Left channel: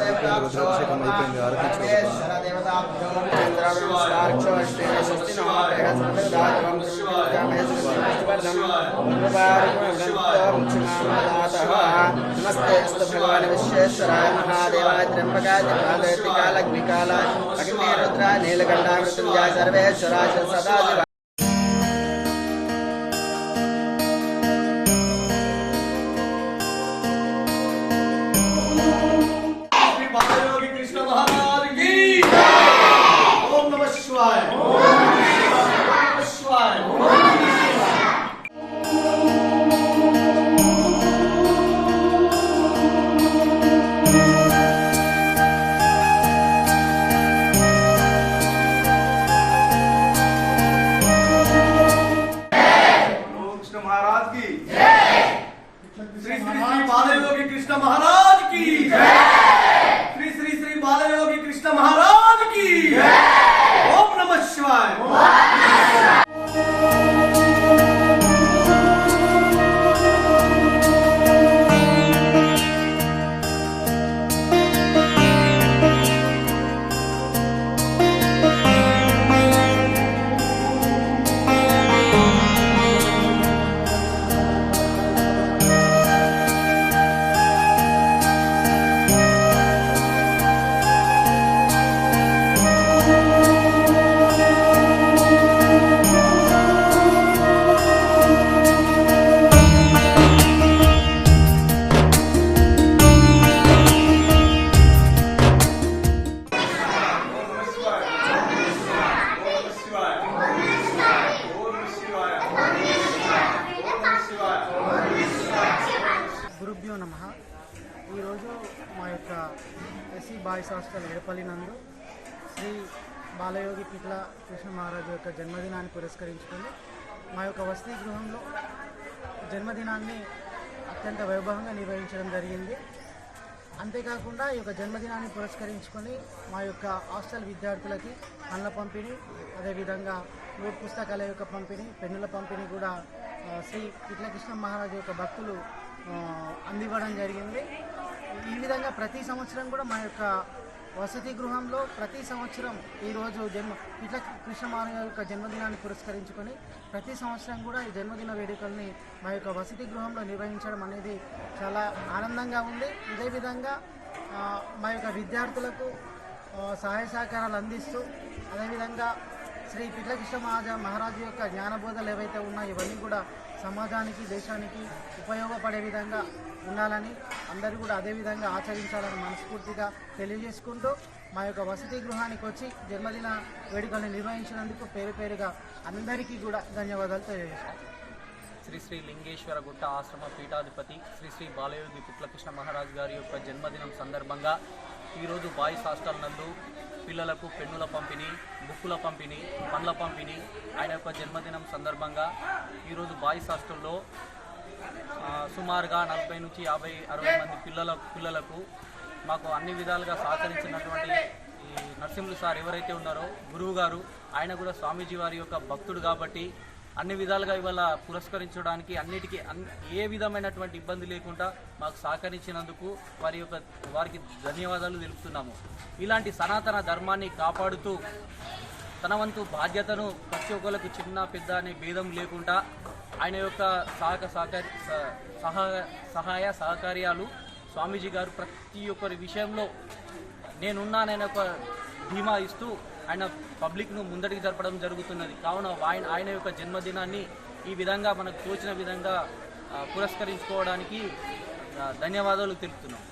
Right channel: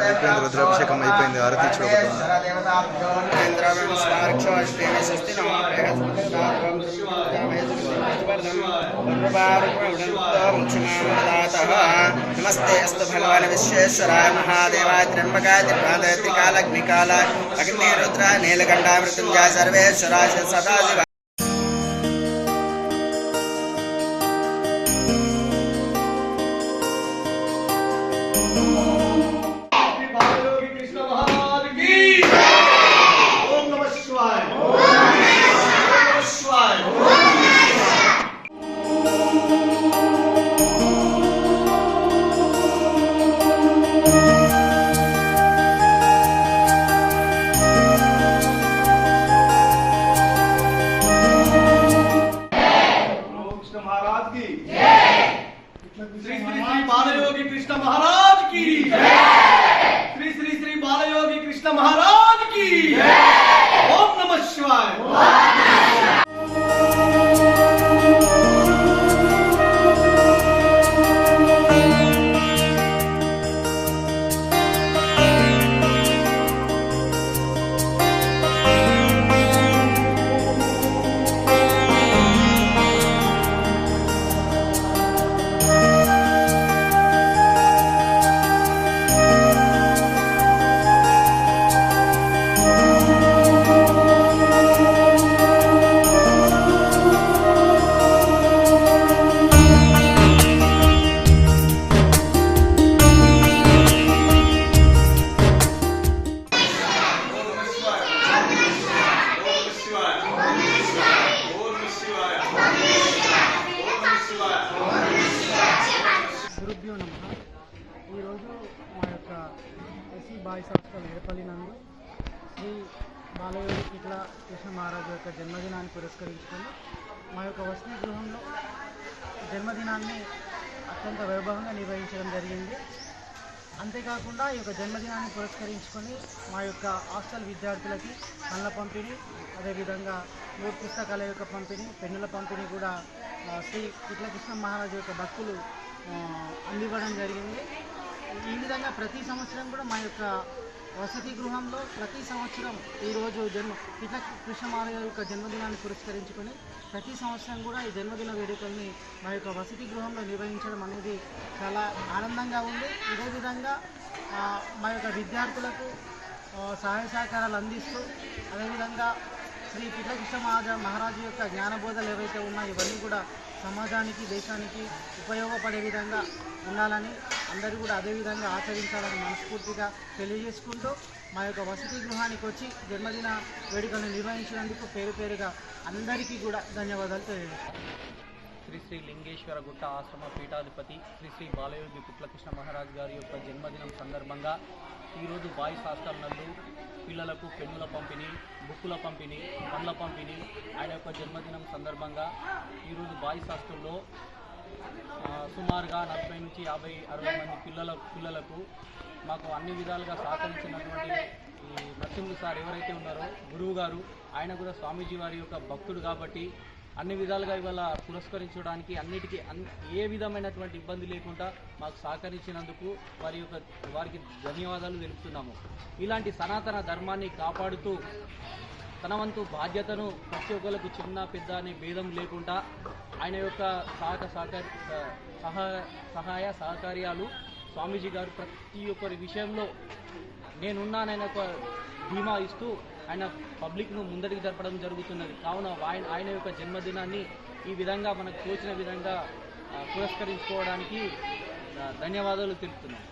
అయిపోయింది రుద్రాభిషేకం అయిపోయింది ఆరతి ఇచ్చుకోబోతుంది नमस्ते अस्तु भगवान् विश्वेश्वराय महादेवाय त्र्यम्बकाय त्रिकालग्निकाल अग्निरुद्रा नीलकण्ठा मृत्युञ्जय सर्वेश्वराय सदाशिव श्री श्री श्री कृष्ण महाराज की श्री నమ ఈరోజు మా యొక్క ఎస్సీ బాయ్స్ హాస్టల్ ఎడపల్లి నందు శ్రీ బాలయోగి పిట్ల కృష్ణ మహారాజు యొక్క జన్మదినాన్ని పురస్కరించుకొని మా యొక్క వసతి గృహంలో జన్మదినాన్ని అత్యంత వైభవంగా నిర్వహించడం జరిగింది. అంతేకాకుండా ఈ యొక్క జన్మదినాన్ని పురస్కరించుకొని మా యొక్క హాస్టల్ విద్యార్థులకి పండ్ల పంపిణీ అదేవిధంగా నోట్ పుస్తకాల యొక్క పంపిణీ పెన్నుల పంపిణీ కూడా శ్రీ శ్రీ కృష్ణ మహారాజు యొక్క భక్తులు అందివ్వడం జరిగింది. ఈ విధంగా ప్రతి సంవత్సరం కూడా మా యొక్క వసతి గృహంలో ప్రతి సంవత్సరం ఈరోజు జన్మ ఇట్లా కృష్ణ మహారాజు యొక్క జన్మదినాన్ని పురస్కరించుకొని ప్రతి సంవత్సరం కూడా ఈ జన్మదిన వేడుకల్ని మా యొక్క వసతి గృహంలో నిర్వహించడం అనేది చాలా ఆనందంగా ఉంది. ఇదే విధంగా మా యొక్క విద్యార్థులకు సహాయ సహకారాలు అందిస్తూ అదేవిధంగా శ్రీ పిట్లకృష్ణ మహాజా మహారాజు యొక్క జ్ఞానబోధలు ఏవైతే ఉన్నాయో ఇవన్నీ కూడా సమాజానికి దేశానికి ఉపయోగపడే విధంగా ఉండాలని అందరూ కూడా అదే విధంగా ఆచరించాలని మనస్ఫూర్తిగా తెలియజేసుకుంటూ మా యొక్క వసతి గృహానికి వచ్చి జన్మదిన వేడుకను నిర్వహించినందుకు పేరు పేరుగా అందరికీ కూడా ధన్యవాదాలు తెలియజేస్తాను శ్రీ శ్రీ లింగేశ్వర గుట్ట ఆశ్రమ పీఠాధిపతి శ్రీ శ్రీ బాలయోగి పిట్లకృష్ణ మహారాజ్ గారి యొక్క జన్మదినం సందర్భంగా ఈరోజు బాయ్స్ హాస్టల్ నందు పిల్లలకు పెన్నుల పంపిణీ బుక్కుల పంపిణీ పండ్ల పంపిణీ ఆయన యొక్క జన్మదినం సందర్భంగా ఈరోజు బాయ్స్ హాస్టల్లో సుమారుగా నలభై నుంచి యాభై అరవై మంది పిల్లల పిల్లలకు మాకు అన్ని విధాలుగా సహకరించినటువంటి ఈ నరసింహులు సార్ ఎవరైతే ఉన్నారో గురువు గారు ఆయన కూడా స్వామీజీ వారి యొక్క భక్తుడు కాబట్టి అన్ని విధాలుగా ఇవాళ పురస్కరించడానికి అన్నిటికీ అన్ ఏ విధమైనటువంటి ఇబ్బంది లేకుండా మాకు సహకరించినందుకు వారి యొక్క వారికి ధన్యవాదాలు తెలుపుతున్నాము. ఇలాంటి సనాతన ధర్మాన్ని కాపాడుతూ తన వంతు బాధ్యతను ప్రతి ఒక్కరికి చిన్న పెద్ద అనే భేదం లేకుండా ఆయన యొక్క సహక సహకారి సహాయ సహాయ సహకార్యాలు స్వామీజీ గారు ప్రతి ఒక్కరి విషయంలో నేనున్నానని ఒక ధీమా ఇస్తూ ఆయన పబ్లిక్ను ముందటికి జరపడం జరుగుతున్నది. కావున ఆయన ఆయన యొక్క జన్మదినాన్ని ఈ విధంగా మనకు తోచిన విధంగా పురస్కరించుకోవడానికి ధన్యవాదాలు తెలుపుతున్నాం.